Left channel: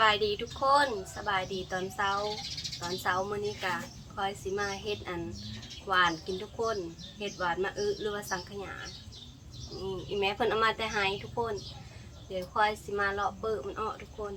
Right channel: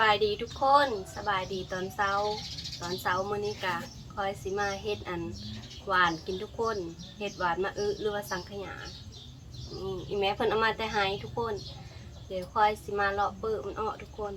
บายดีทุกคนสบายดีตอนเช้า ตอนเช้ามื้อนี้กะคอยสิมาเฮ็ดอันหวานกินทุกคนเฮ็ดหวานมาอึหรือว่าสังขยานี่อีแม่เพิ่นเอามาแต่ไห้ทุกคน เดี๋ยวคอยสิมาเลาะเปิดมันออกทุกคน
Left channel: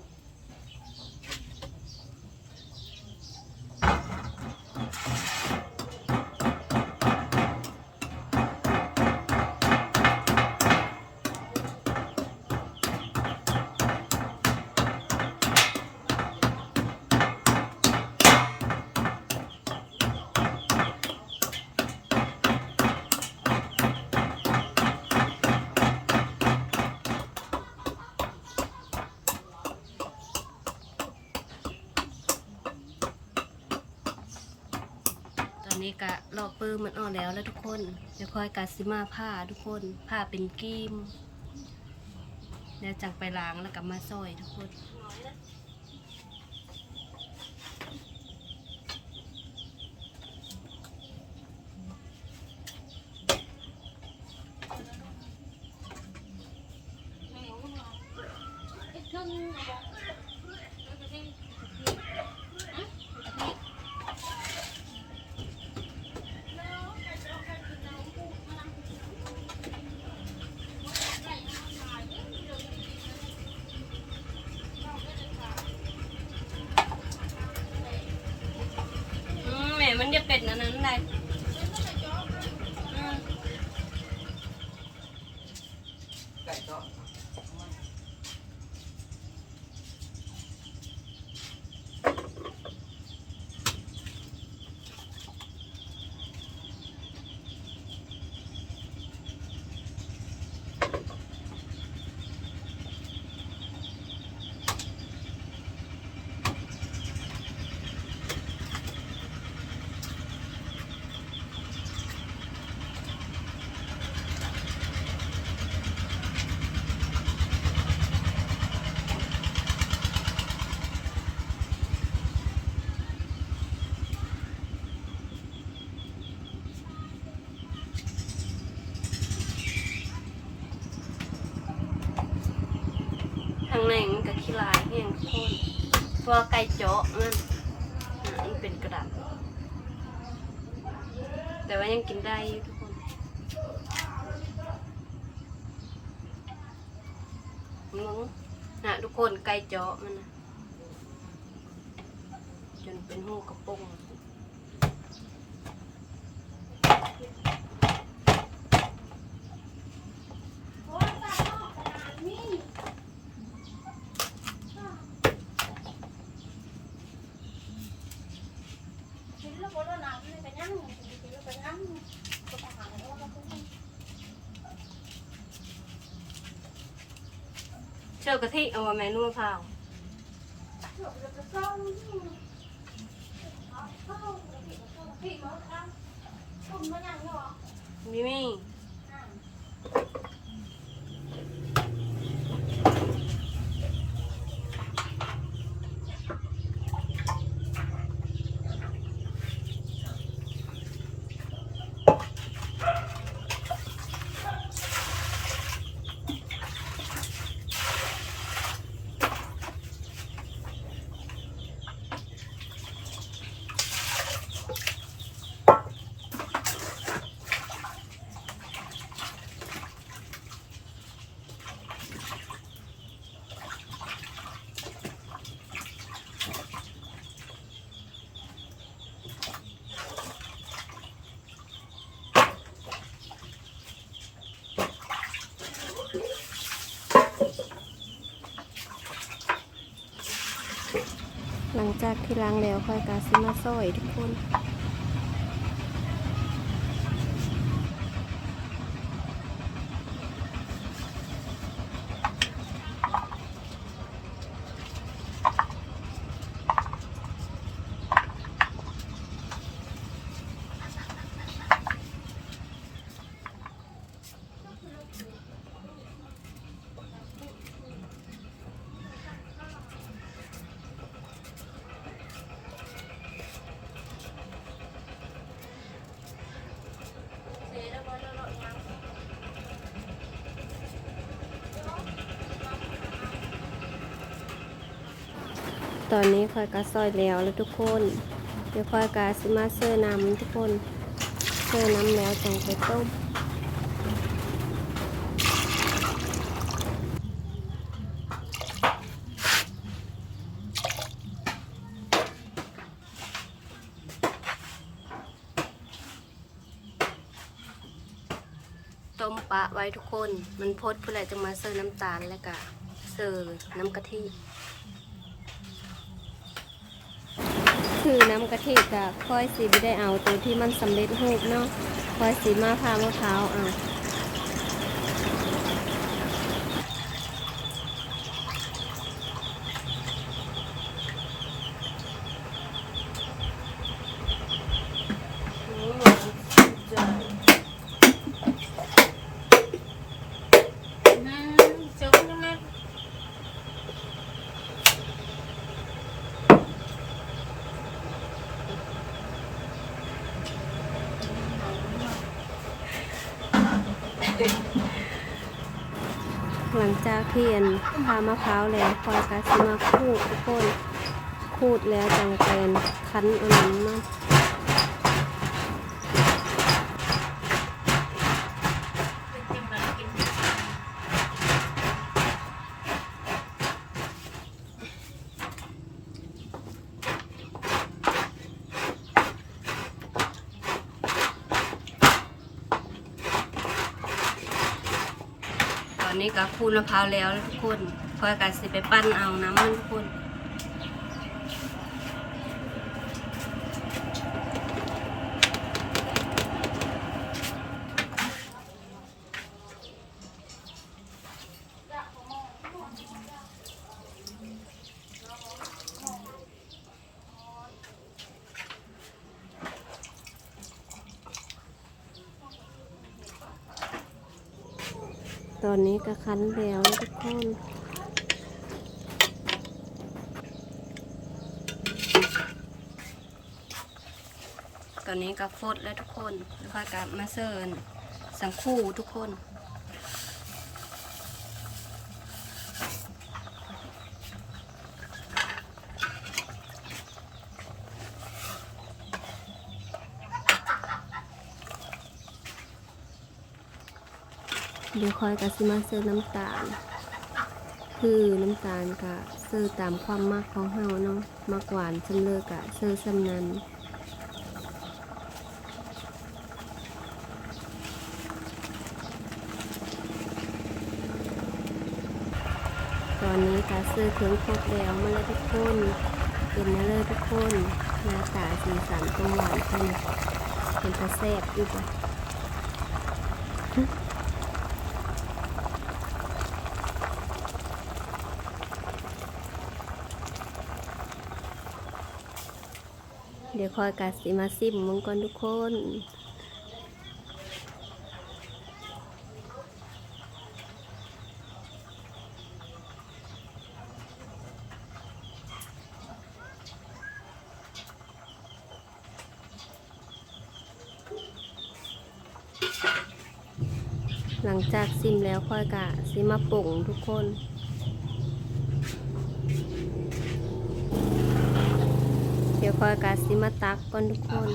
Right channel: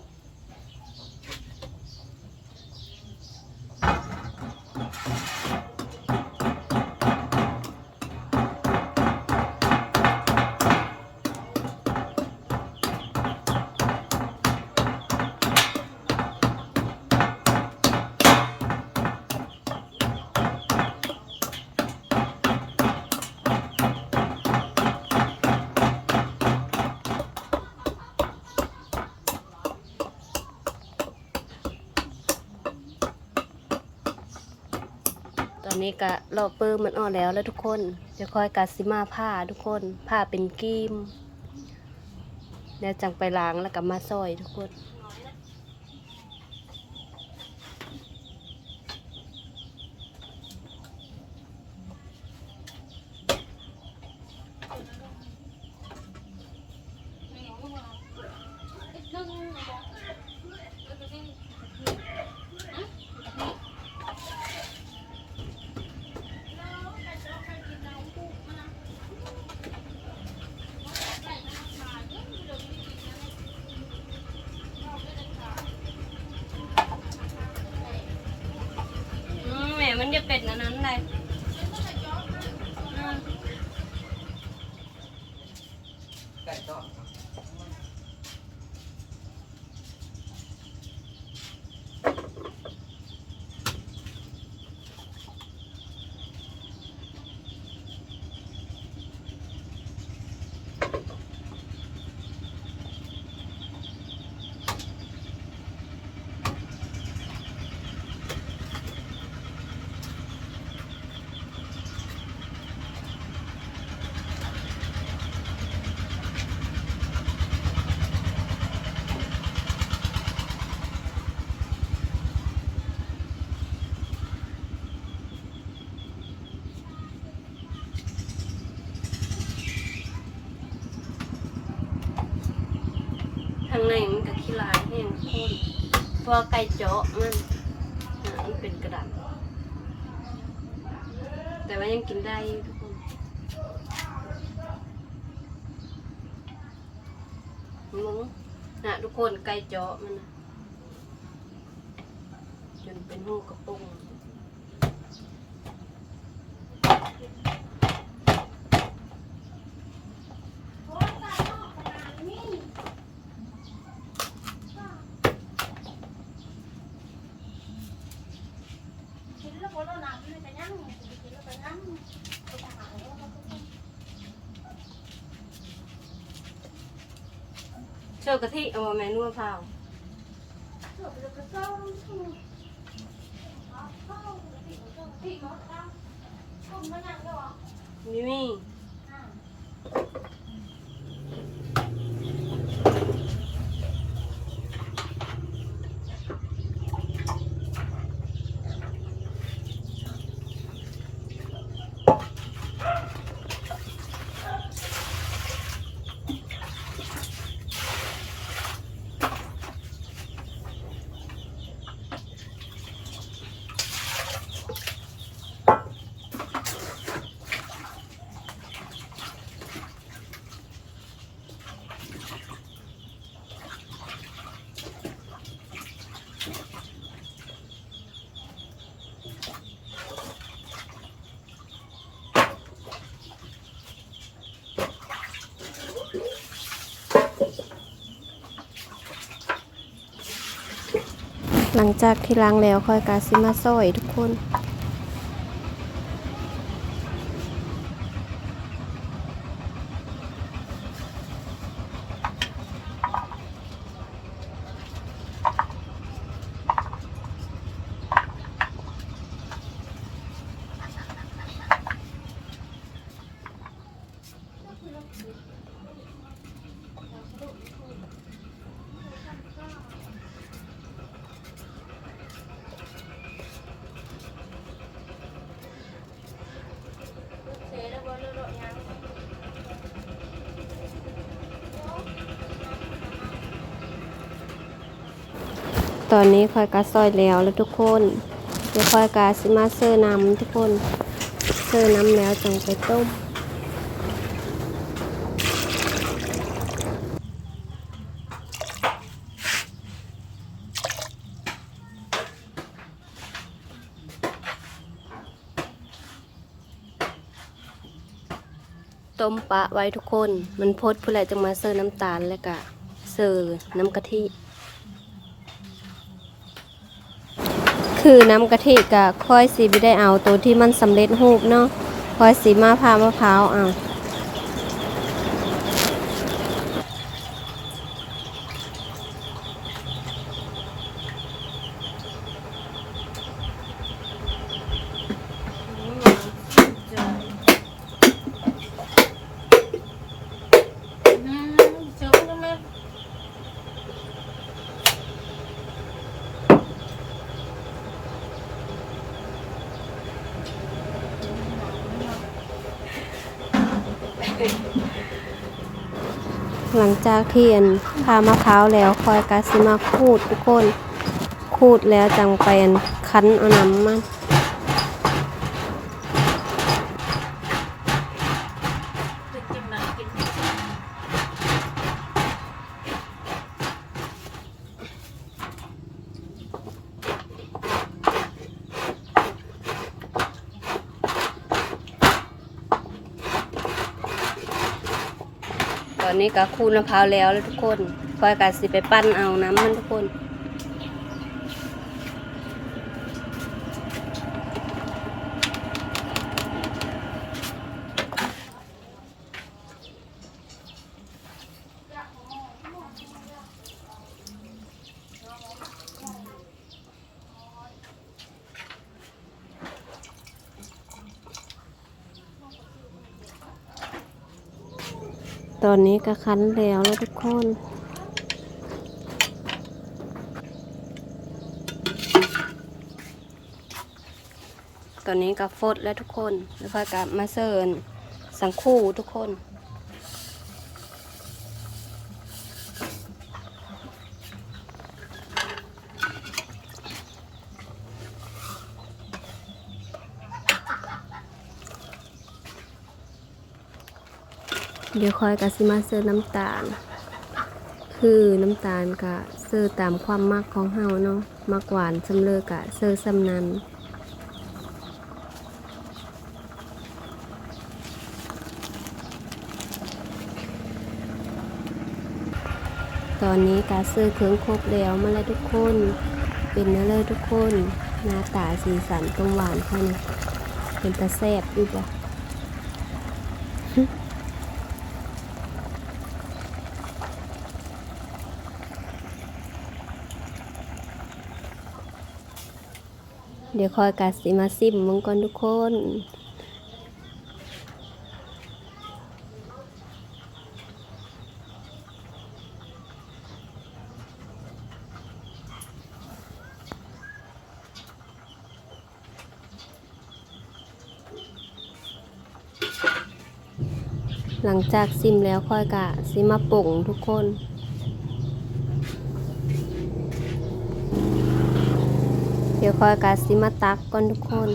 นี้กะเลาะเปิดมันอ่อนแล้วแล้วทุกคนเดี๋ยวคอยกาซิมาผ้าทุกคนผ้าเป็นกิมแล้วจังไปล้างแล้วก็มาซอยทุกคน เป็นอันนั้นเลย ข้างในมันก็ขี้ลายแห้งทุกคนเพวไก่เจาะมันอันเป็นกระดาษแต่ว่ายังกินได้ทุกคนมึงนะทุกคนไก่เจาะมันนะจนเป็นหูกระปุง เชื่อ กะทิเอามาแม่นัวพร้าวมิมี่ หลังจากที่ล้างแล้วค่อยกาซิมาซอยทุกคน ตอนนี้คอยกาซอยแล้วแล้วทุกคนเดี๋ยวคอยกาสิมาเซอร์น้ำทุกคนเซอร์น้ำแล้วจังไปต้มต้มปะไว้ทุกคน มันพดผู้ใดจะมาเสิร์น้ำตาลเลยกะเสิร์น้ำกะทิ คือน้ำกะทิกับค่อยสีไม่ได้เอาตัวที่มันสำเร็จรูปเนาะค่อยสีมาพร้าวมะพร้าวอะ หลังจากที่อันพามะพร้าวแล้วคอยกาซิมาคูดทุกคนคูดแล้วจังไปอันคั้นเอาน้ำมัน็คูนมะพร้าวแล้วแล้วทุกคนคอยกะสิไปปั้นเอาน้ำมันทุกคน ตอนนี้ก็คั้นแล้วแล้วทุกคนตอนนี้ก็ฟดแล้วทุกคน แล้วก็มาเสิร์นสังคู่ทุกคน ดี๋ยวคอยกะสิมาเสิร์น้ำตาล คือน้ำตาลกะเสิร์ตามความมักของเฮาเนาะมักหวานสำเร็จกะเสิร์สำนันตอนนี้กะเสิร์เครื่องครบแล้วมาแล้วทุกคน เป็นเนื้อเลยทุกคน หน้าตาสีสันตรงหวานแค่นี้เป็นตาแซ่บอยู่บ่ เดี๋ยวคอยกาสิมาซิมมึงก่อนทุกคนหลังจากซิมแล้วค่อยกะซิมาป่งทุกคน เดี๋ ยวคอยกาซิมาตักก่อนทุกคน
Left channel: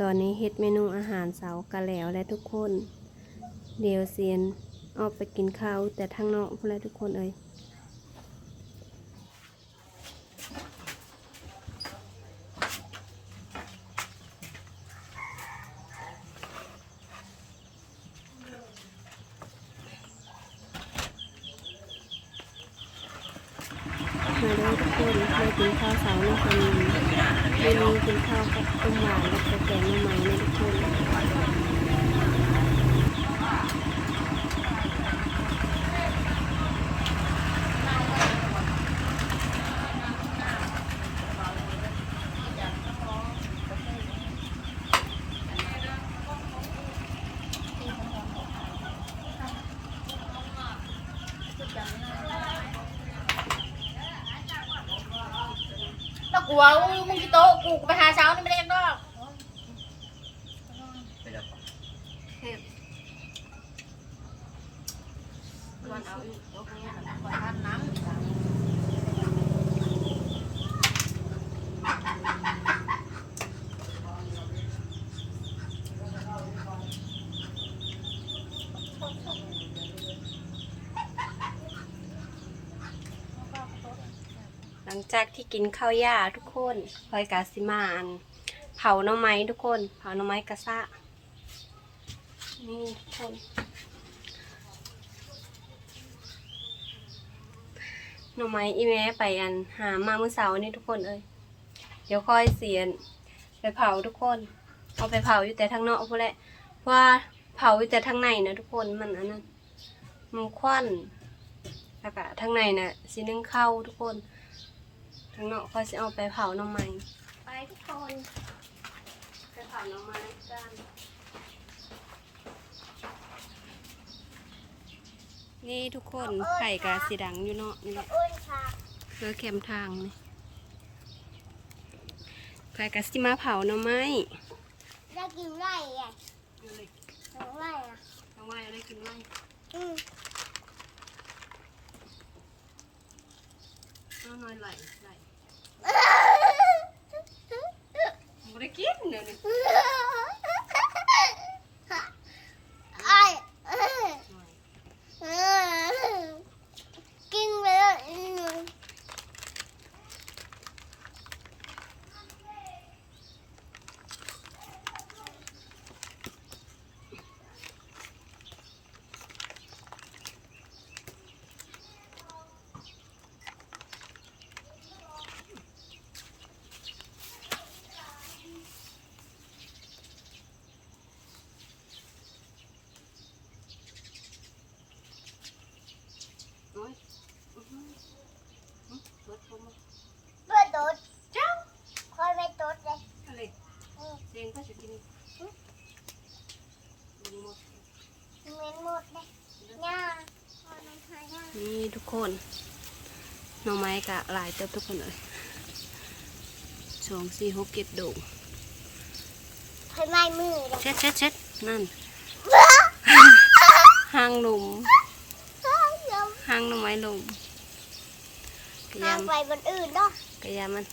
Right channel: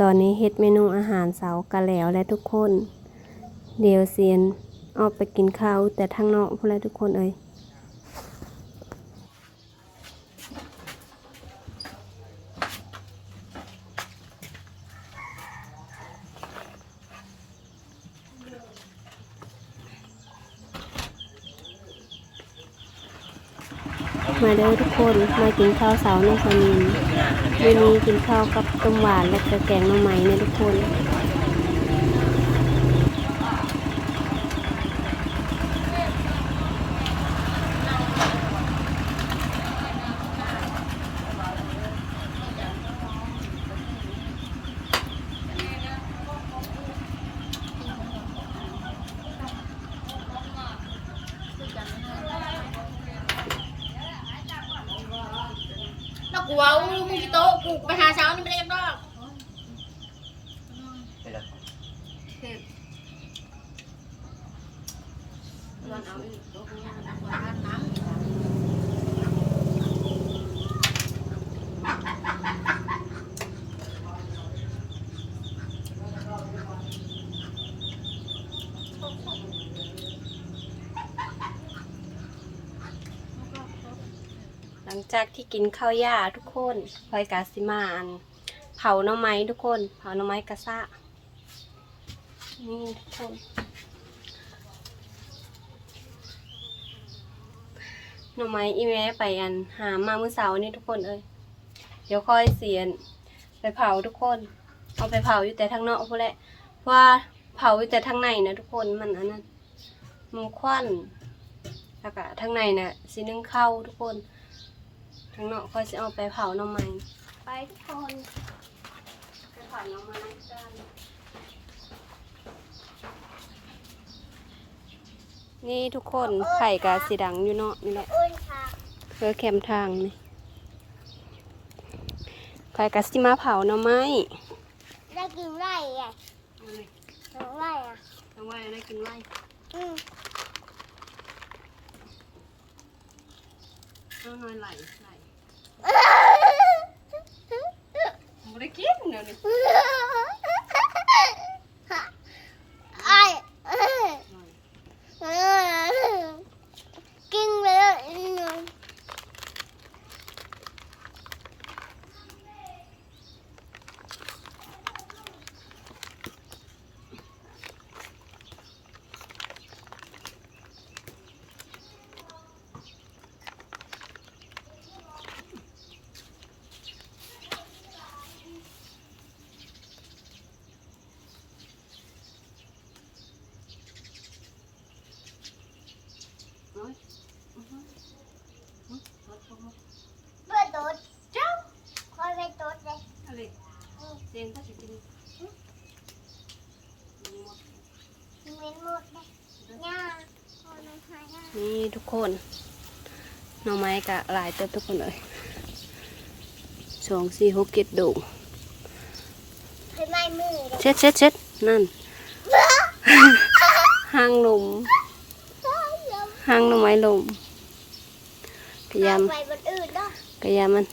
ตอนนี้เฮ็ดเมนูอาหารเสาร์กันแล้วและทุกคน เดี๋ยวเซียน ออกไปกินข้าวแต่ทางนอกพวกเราทุกคนเอ้ยมาเด้อทุกคนมากินข้าวเสาร์น้องพนินวันนี้กินข้าวกับต้มหวานและกแกงหน่อไม้นะทุกคน เกลัวอู้มึงที่โต๊ะกูกูไปหาเช้านี่ไม่ได้ดอก ไปแล้ว เฮ็ดก่อนเอาอีกโต๊ะข้างหน้า ขอทานน้ำ หลังจากที่กินข้าวหญ้าทุกคนคอยกาสิมาอัน เผาหน่อไม้ทุกคน เผาหน่อไม้กระซะนี่ทุกคน หน่อไม้อีแม่ไปอันหามาเมื่อเสาร์นี่ทุกคนเอ้ยเดี๋ยวค่อยเสียน ไปเผาทุกคน เอาไปเผาอยู่แต่ทางนอกพู้นแหละเพราะว่าเผาอยู่แต่ทางในนะทุกคนมันอันนั้นมันควันแล้วก็ทางในน่ะสินึ่งเข้าทุกคน ทางนอกค่อยจะเอาไปเผาหน่อไม้ไปทุกคนไปเผาหน่อไม้กันนี่ทุกคนไข่กาสีดังอยู่เนาะนี่เนาะอ้นค่ะเพื่อแคมทางนี่ไข่กาสิมาเผาหน่อไม้ได้กินไร่ไงน้องไร่อะหน่อไม้ได้กินไว้อืมเอาหน่อยไหลไหล ไม่ได้กินเดี๋ยวนี้ ไอ้เอ้ย หน่อย เอ้ยกินไปแล้วอีกหนึ่ง โอ้ยอื้อหืออื้อรถผม เพื่อตุ๊ดเจ้าคอยไปตุ๊ดเลย อะไร อืม เสียงก็จะกินลงหมด เหม็นหมดเลยย่าคอยมาหาย่า นี่ทุก คนหน่อไม้กะหลายเติบทุกคนเลยสองสี่หกเจ็ดดูเคยไม้มือเลยเช็ดเช็ดเช็ดนั่นหางลมหางหน่อไม้ลมกระยเอาไปบนอื่นเนาะำกระยำมัน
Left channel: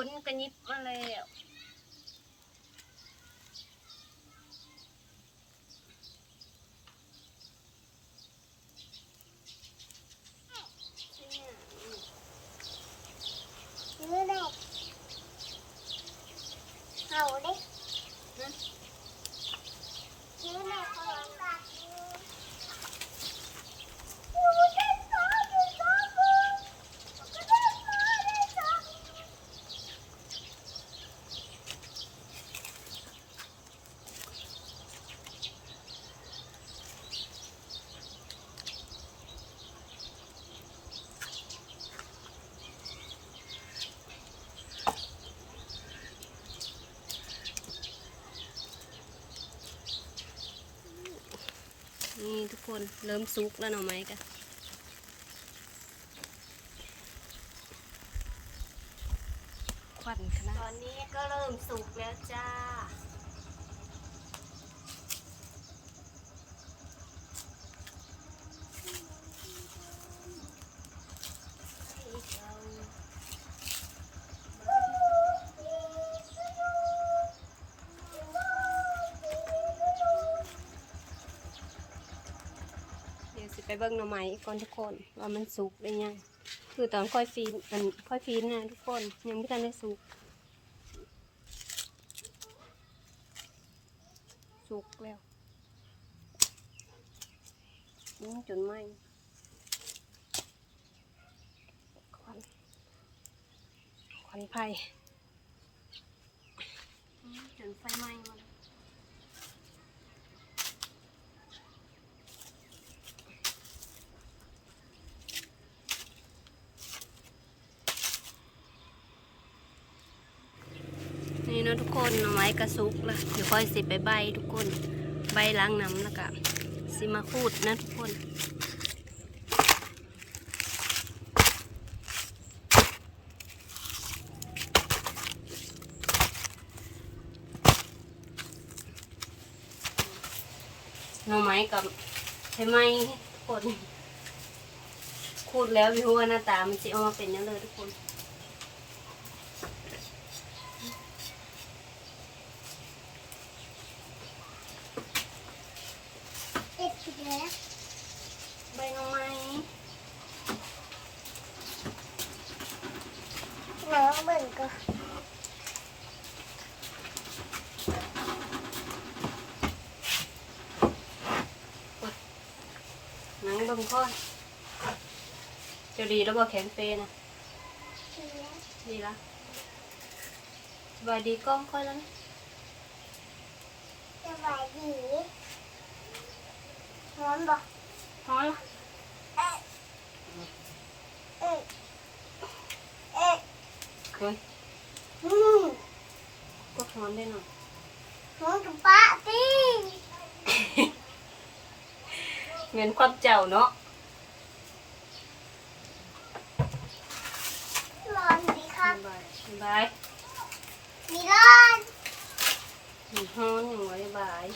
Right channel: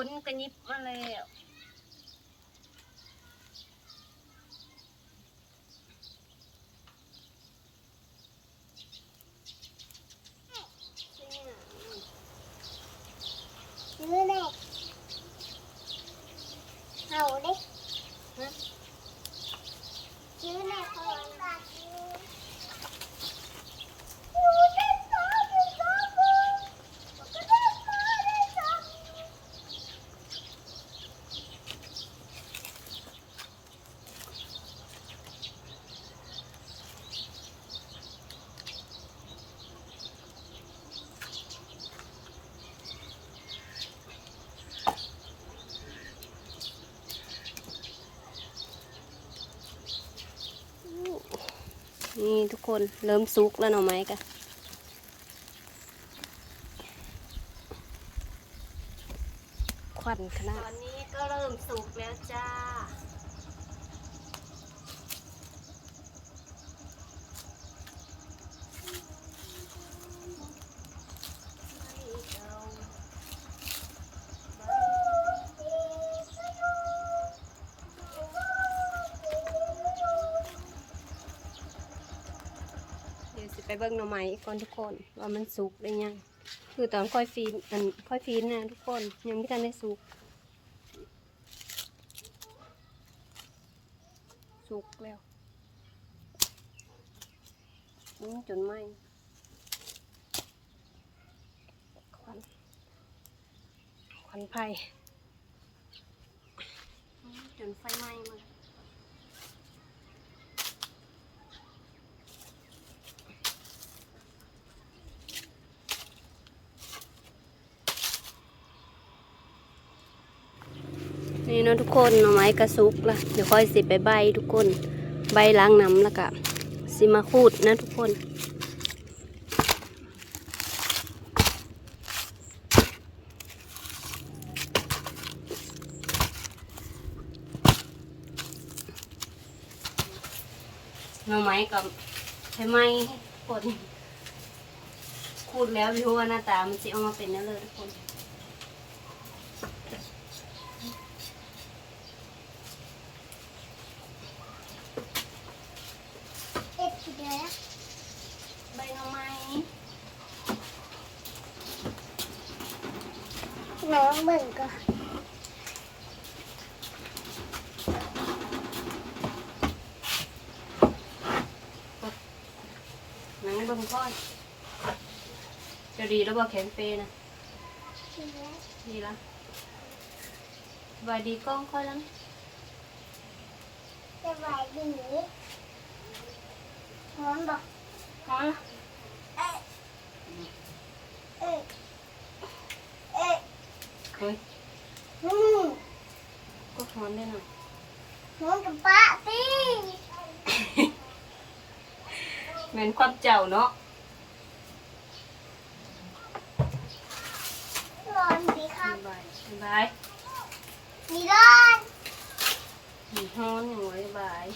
ฝนกระยิบมาแล้วเนี่ย มือแน่เห่าดิ ฮะ มือแน่คอยมา นี่ทุกคนเริ่มสุกแล้วหน่อไม้กันควันขนาดตอนนี้ก็เริ่มสุกแล้วจ้า เดี๋ยวสิ ไปเบิ่งหน่อไม้ก่อนทุกคน ว่ามันสุกได้ยังคือตอนค่อยฟีนอันค่อยฟีนนะทุกคนยังไม่ทันได้สุก สุกแล้วจนไหมควันควันไฟจนไฟไหม้มาแล้ว นี่ เนาะทุ กคนหน่อไม้กระซุกละเดี๋ยวค่อยสิไปใบทุกคน ใบล้างน้ำแล้วก็สิมาคูดนะทุกคนหน่อไม้กับใช่ไหมทุกคนคูดแล้วไม่รู้ว่าหน้าตามันจะออกมาเป็นยังเลยทุกคน เอ็ดทีเดียวนะ ใบหน่อไม้ หนังเบิ่งก็ ห นังเบงค่อยจะดีแล้วบ่แข็งเปนะทีเนี้ยดีละสบายดีกล้องค่อยแล้วนะจะไหวดีพร้อมบอกพอละเอ๊ะเอ๊ะเอ๊ะเฮ้ยอืมก็พร้อมได้หน่อยพร้อมกับป้าสิเหมือนความเจ้าเนาะ ร้อนดี ครับสบายสบายมีร้อนมีฮ้อนอย่างไว้บาย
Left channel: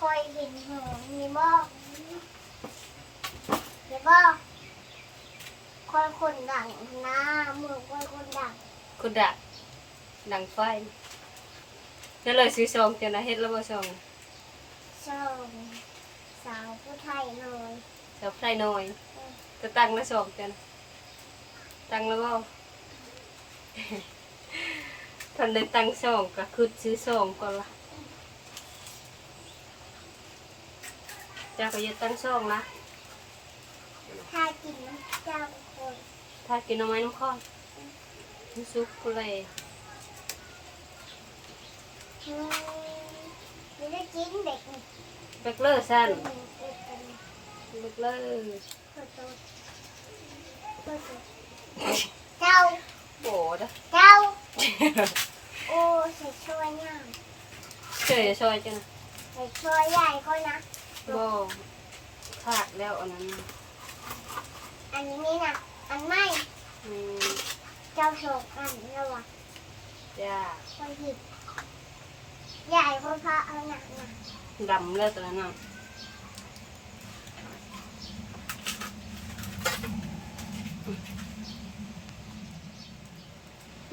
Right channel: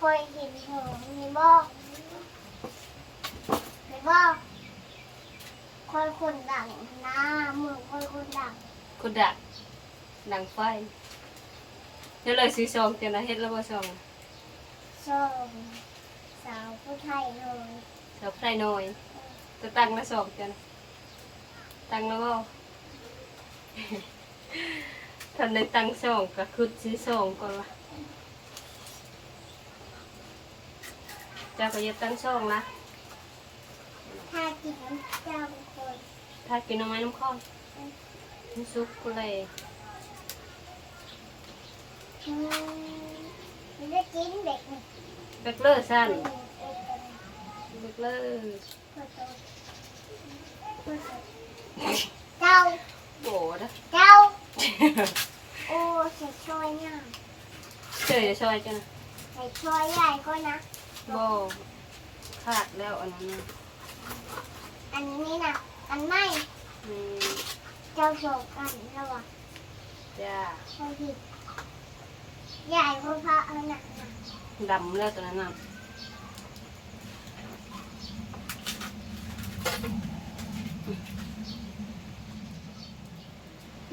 คอยเห็นหงมีบอกมีบอกคอยคนดังหน้ามือคอยคนดังกุดักดังไฟเดี๋ยวเลยซื้อซองเจ้านะเฮ็ดแล้วบ่ซอง ส่งสาวผู้ไทยเลยแถวไพรน้อยจะตั้งแล้วซองเจ้านะตั้งแล้วบ่ทันได้ตั้งซองก็คือซื้อซองก่อนละเจ้าก็อย่าตั้งซองนะถ้ากินเจ้าคนถ้ากินหน่อไม้น้ำข้อนน้ำซุปกูเลยอื มไม่ได้กินเด็กนี่เบกเลอร์สั้นเด็กกันเบกเลอร์ขอโทษขอโทษเจ้าโบดะเจ้าโอ้ใส่ช่วยง่ายเฉยซอยจ้ะนะใส่ช่วยใหญ่ก็นะ โบขาดแล้วอันนั้นน่ะอันนี้นะอันไม่อืมเจ้าโศกอันระวังจ้า ช่วยผิด ใหญ่เพราะพระเอาหนักนะดำแล้วตอนนั้นน่ะ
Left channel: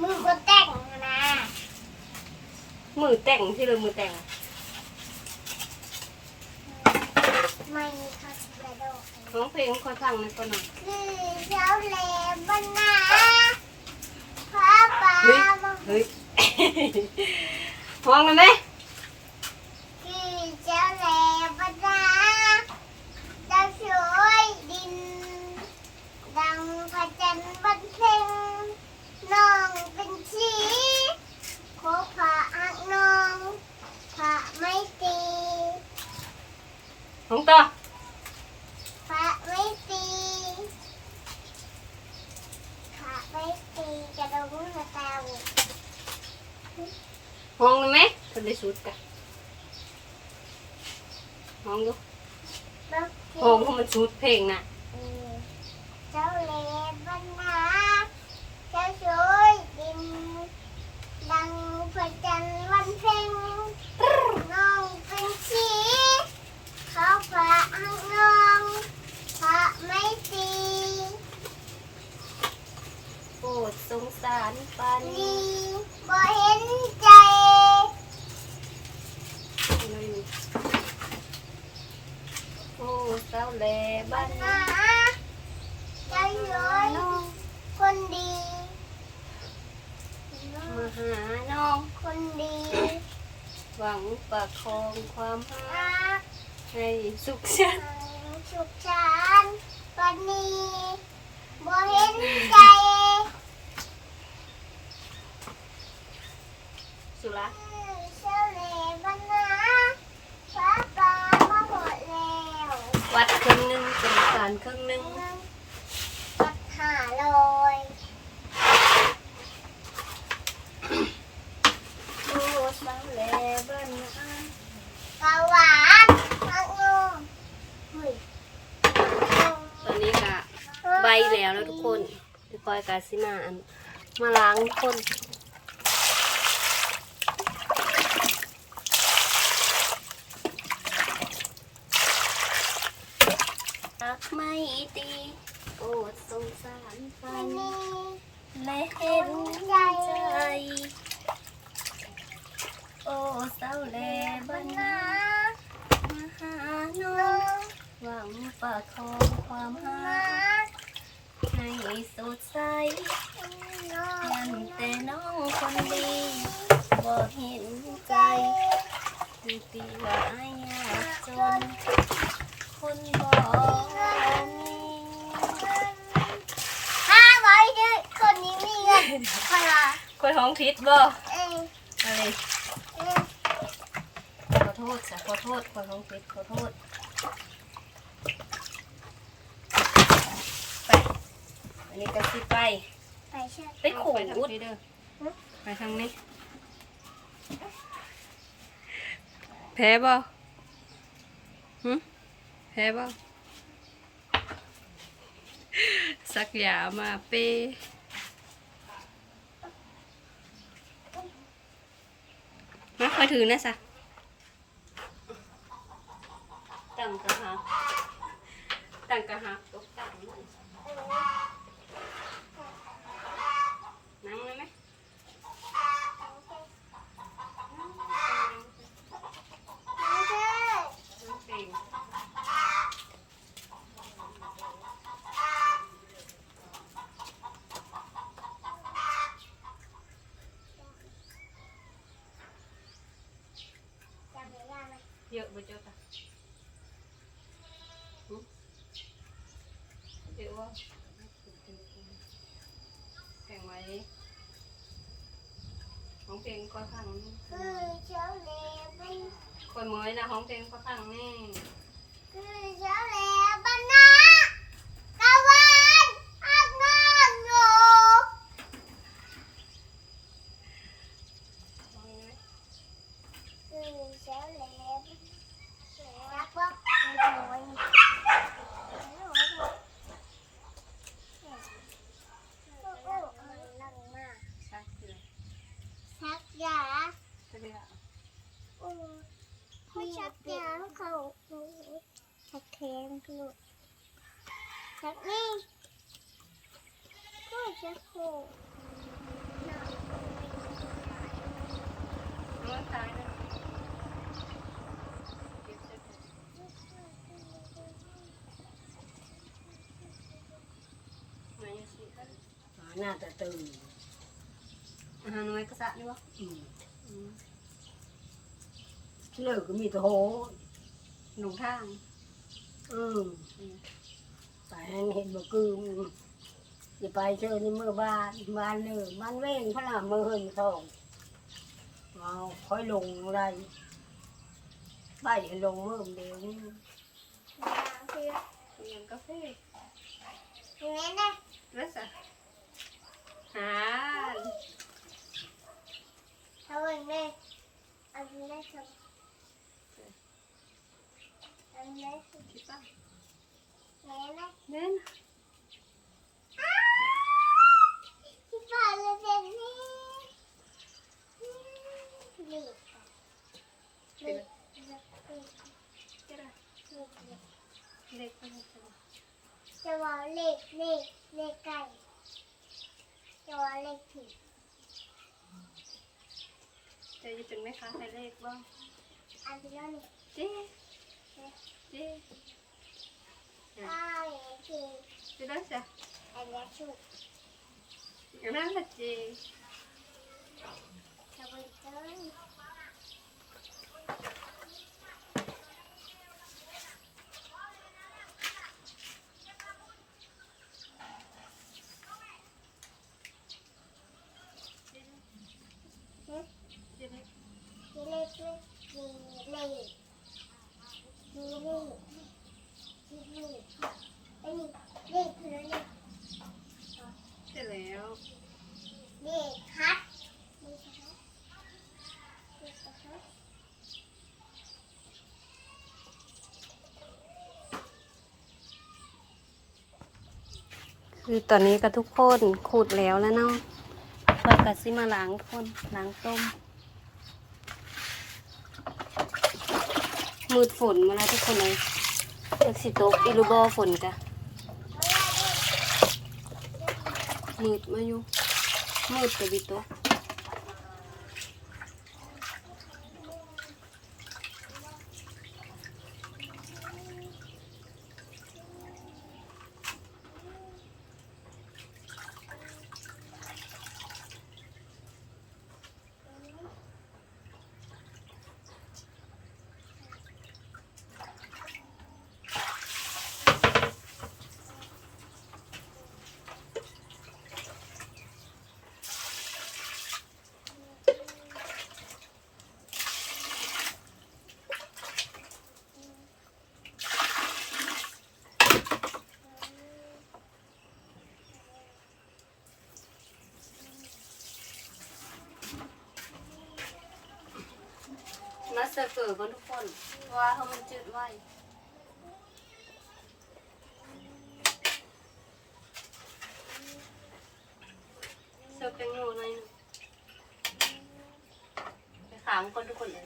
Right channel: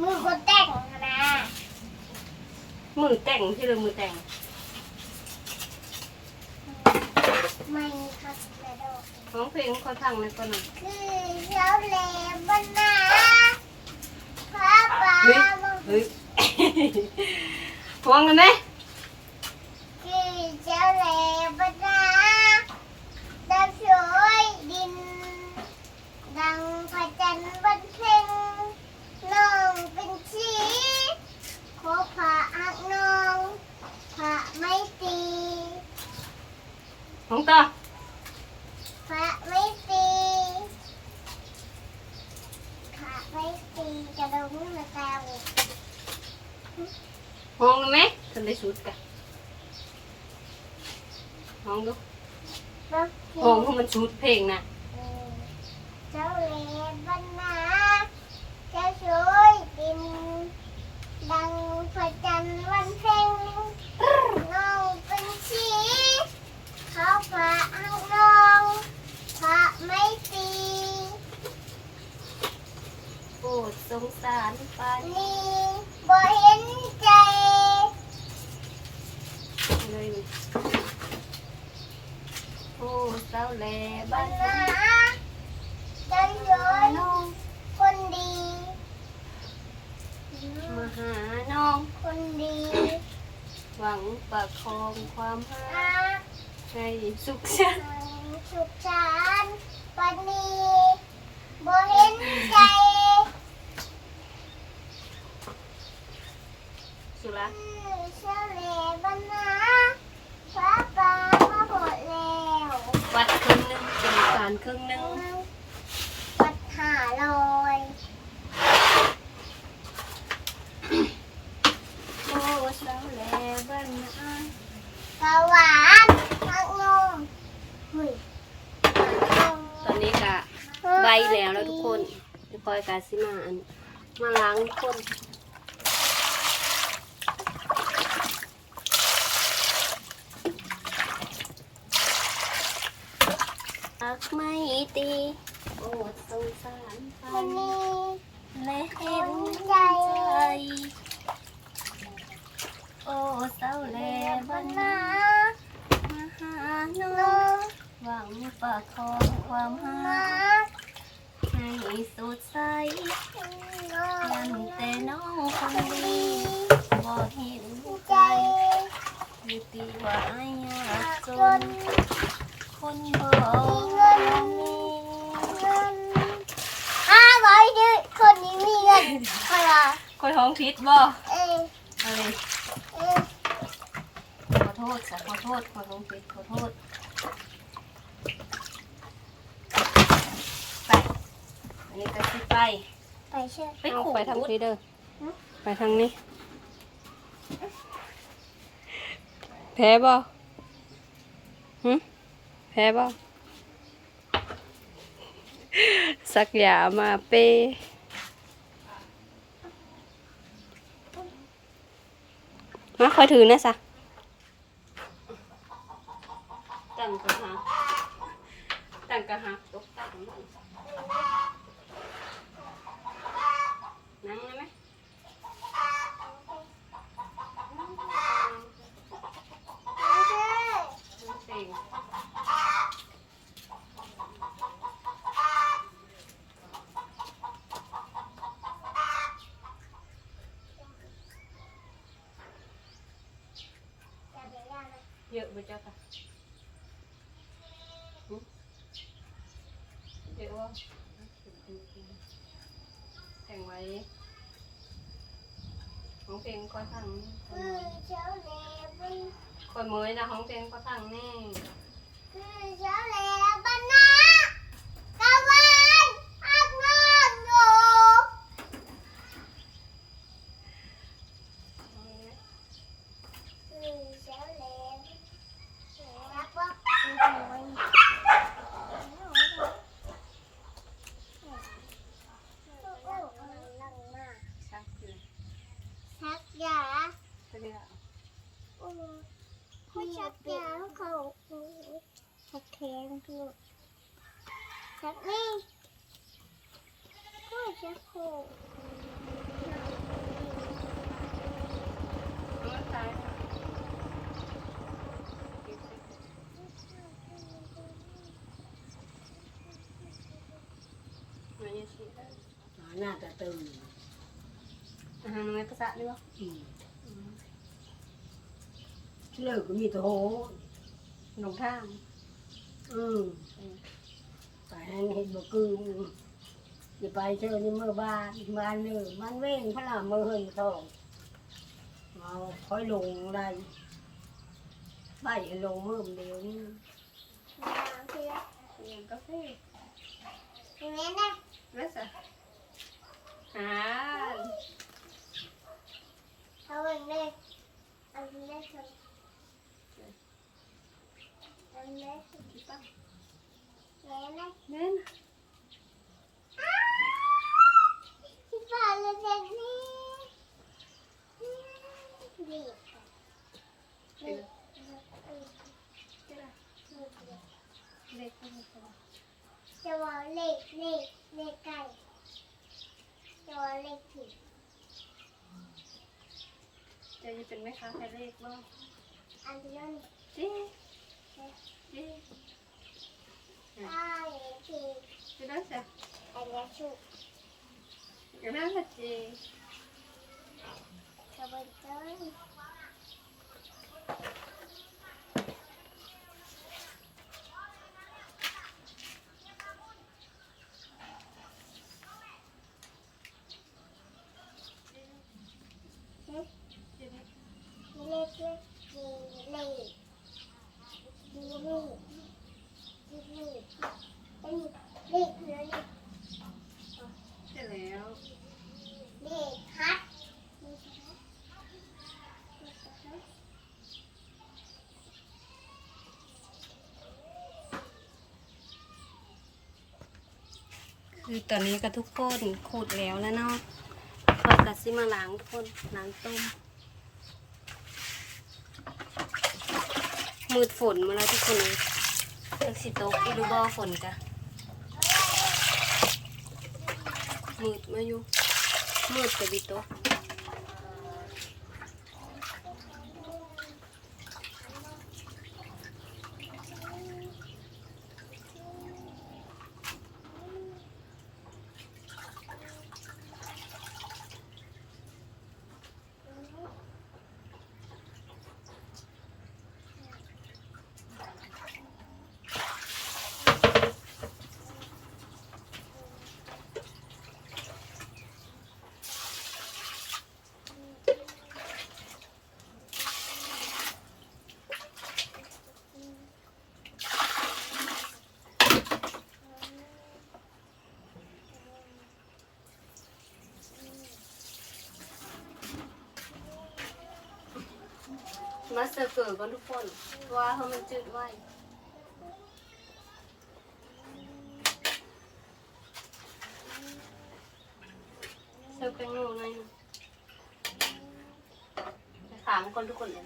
มือก็แต่งนะมือแต่งที่เลยมือแต่งไม่ค่ะกระโดดของเพลงค่อยฟังในอยก่อนหน่อยคือเจ้าเลบนนาพระบาเฮ้ยบเฮ้ย ฟังเลยไหมคือเจ้าเลบนนาเจ้าช่วยดิน ดังพระจันทร์บนเพ่งน้องเป็นชีขอพระอักน้องพระไม่ตีของต่อ พระไม่ตีพระไม่ตีกระดงมาตาบุก ห้องเลยไหมทันได้ สุดกันห้องดูบักห้องเพราะมันสุดเพลงน่ะ เจ้าเลบันนาเจ้าช่วยดิน ดังพระจันทร์วันเพ็ญน้องเป็นชีเขาพระให้น้องพระไม่ตี โปรดสงสารปานนี้ นี่บ่เห็นใจ เลยนี่โอ้สาวแหล่ บั บ้าน น นา นา เจ้าช่วย น้อง คนดี มาหาน้อง คนดี หวั งประคองความรักให้สุขสันต์สุขสันต์วันนี้บ่เห็นใจ สุรักษ์ เจ้าเลบันนาฟ้าปลามาหมดแล้ว วัดคนหนึ่ง เป็นการครึ่งหนึง ปัดหาลอย โอ้สาวแลบ้านนา ปลาหวานมังนมเฮ้ย ตอนนี้ก็ใบแล้วแล้วทุกคนเดี๋ยวค อยกาสิมาอันมาล้างคนรักไม่ตีโอดสงสารฟัที่นนี่และเห็นใจ โอ้เศร้าแลบ้านนามาหาน้องหวังประคองความหา ให้สดใสยันแต่น้องคนดีบ่เห็นใจคือตีว่าอายากจน คนบ่มีห้าร้อยดื้อคนนี้มีเงินค่ะคนท้องพิษบ่เอ้ยอะไรขอโทษจ้ะขอโทษขอท้องพิษขอโทษ ไป อั นนี้ก็สิไป ไปเชื่อไปขู่ไปทางนี้เด้อไปทางนี้ แพ้บ่หึแพ้บ่สักยามาเปมาคอยถือนะสะตั้งกระหักตั้งกระหักตกตั้งนั่งเลยไหม ไม่ใช่ น้องเพลง จับเวลาไหม เยอะบ่เจ้าค่ะหึเยอะว่าแข่งไหม ห้องเพลงก็ทั้งคือเจ้าเล่บนคอยเมยนะห้องเพลงก็ทั้งนี่คือเจ้าเล่บนนะตะวันอักนอนอยู่คือเจ้าเล่รักว่าเป็นคนมันนั่งมาก ชักเลย ชักยา จะได้ละ โอ้ไม่ชักยาเขาชักแขนคือชักนี่ก็จะโค น้องตายแล้วเก็บใส่ถุงมาเยสิค่ะ หน้าตาตื่นอาหารน้อยก็สะนี่บ่อืมอืมเลิกก็มีแต่โหหลงทางอืมอืมไปให้เห็นบ่คือมันอย่าไปเจอนี่เมื่อบ้านบ้านเลยบ้านเว้งพระรามมือเฮินทองเอาค่อยลงได้บ้านลงเมื่อเดียวนี่คือเรียนกาแฟอย่างนี้นะแล้วสะ หาเอาองนี้อันแรกทำอันแรกคิดป่ะอย่างนี้นะเน่นที่บ้านเลยเล็กอะเล็กเล็กเล็กจะได้เล็กเล็กเล็กไปลยจะได้จะว่าเล็กเล็กเล็กไก่ จะว่าเล็กผีเจะจะเป็นแม่ค้าขายเลขบ่อันที่นั่นเจ๊เจ๊อ้าวอย่างที่จะได้จ้ะอันนี้ชุกอย่างนั้นละเจ๊ชาวบ้านเต้นเล็กเล็กเล็กเล็กเล็กเล็กเล็ก คือตอนนี้ก็ทุกคนขูดแล้วแล้วเนาะขอดกัดซิมาล้างทุกคนล้างต้ม มืดฝนมาแล้วทุกคนเลยเอกสิตกอีลูบอฝนจ้ะมืดมาอยู่มืดแต่บิโตก มาเสิร์ฟเกอร์กันทุกคนว่าเฮามันจืดไว้เสิร์ฟแตงโมหน่อยหนึงไปถามคนทุกคนเลย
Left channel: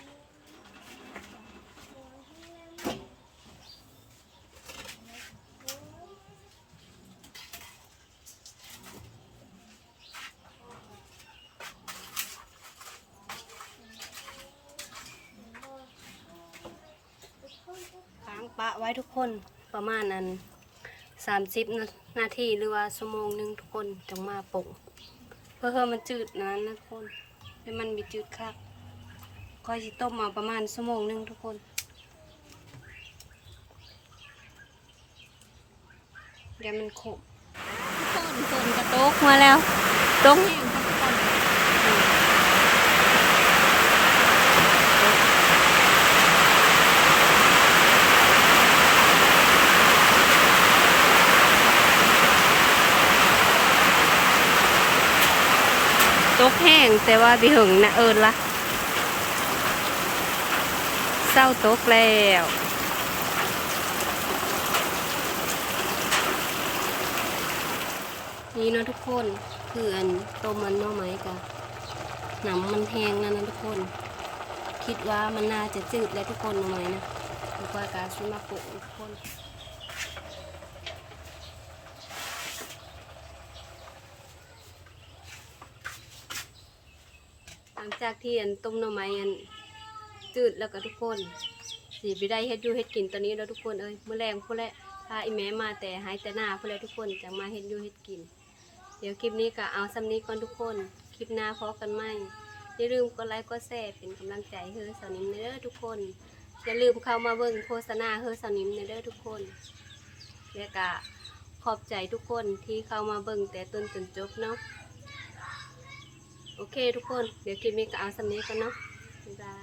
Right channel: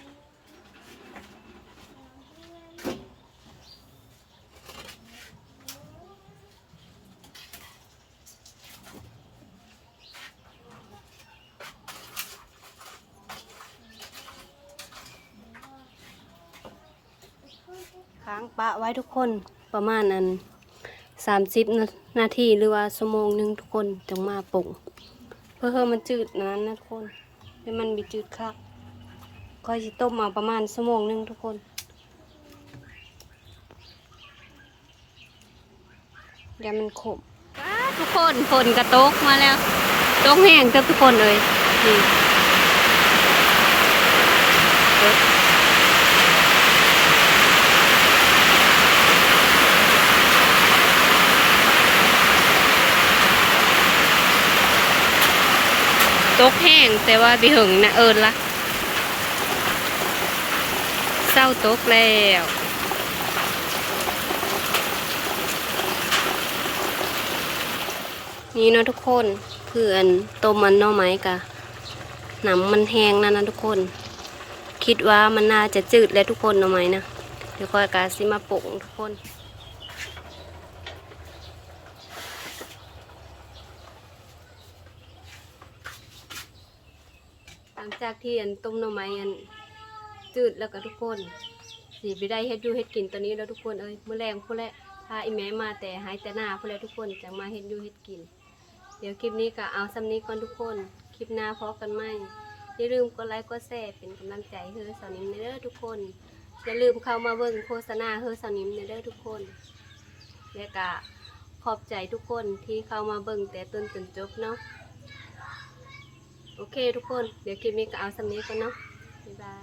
ค้า งปะไว้ทุกคนประมาณนั้นสามสิบนาทีหรือว่าชั่วโมงหนึ่งทุกคนจังมาปรุงเพื่อให้มันจืดนะนะทุกคนให้มันมีจืดคักก็จะต้มมาประมาณชั่วโมงหนึ่งทุกคนเดี๋ยวมันขมทุกคนฝนกระตกมาแล้วตกแห้งทุกคนเลยนี่ ตกแห้งแต่ว่าบิหึงนะเอิญละเศร้าตกแล้วนี่เนาะทุกคนคืออันต้มมันน่อไม้กะหนำมันแห้งนะนะทุกคน คิดว่ามันน่าจะจืดแล้วทุกคนน่อไม้นะเดี๋ยวก็กาซิมาปรุงทุกคน หลัง จากที่อันต้มหน่อไม้อันจืดแล้วก็ทุกคนสีไปได้เฮ็ดอยูเฮ็ดกินตอนนี้แล้วทุกคนเอ้ยมื้อแรงพุ่นแหละพาอีแม่มาแต่หายแต่หน้าพุ่นแหละทุกคนจะมาเฮ็ดอยูเฮ็ดกิน เดี๋ยวคลิปนี้ก็เอาซ้ำนี้ก่อนทุกคน คลิปหน้าพบกันใหมอย่าลืมกดไลค์กดแชร์เป็นกำลังใจให้เฮอสาวนิมเด้อทุกคนอย่าลืมเข้ามาเบิ่งโฆษณาเฮอสาวนิมเด้อทุกคนแล้วก็ขอบใจทุกคนที่เข้ามาเบิ่งแต่ต้นจนจบเนาะ โอเคทุกคน เดี๋ยวคลิปนี้ก็เอาสำเนียก่อนเนาะบ๊ายบาย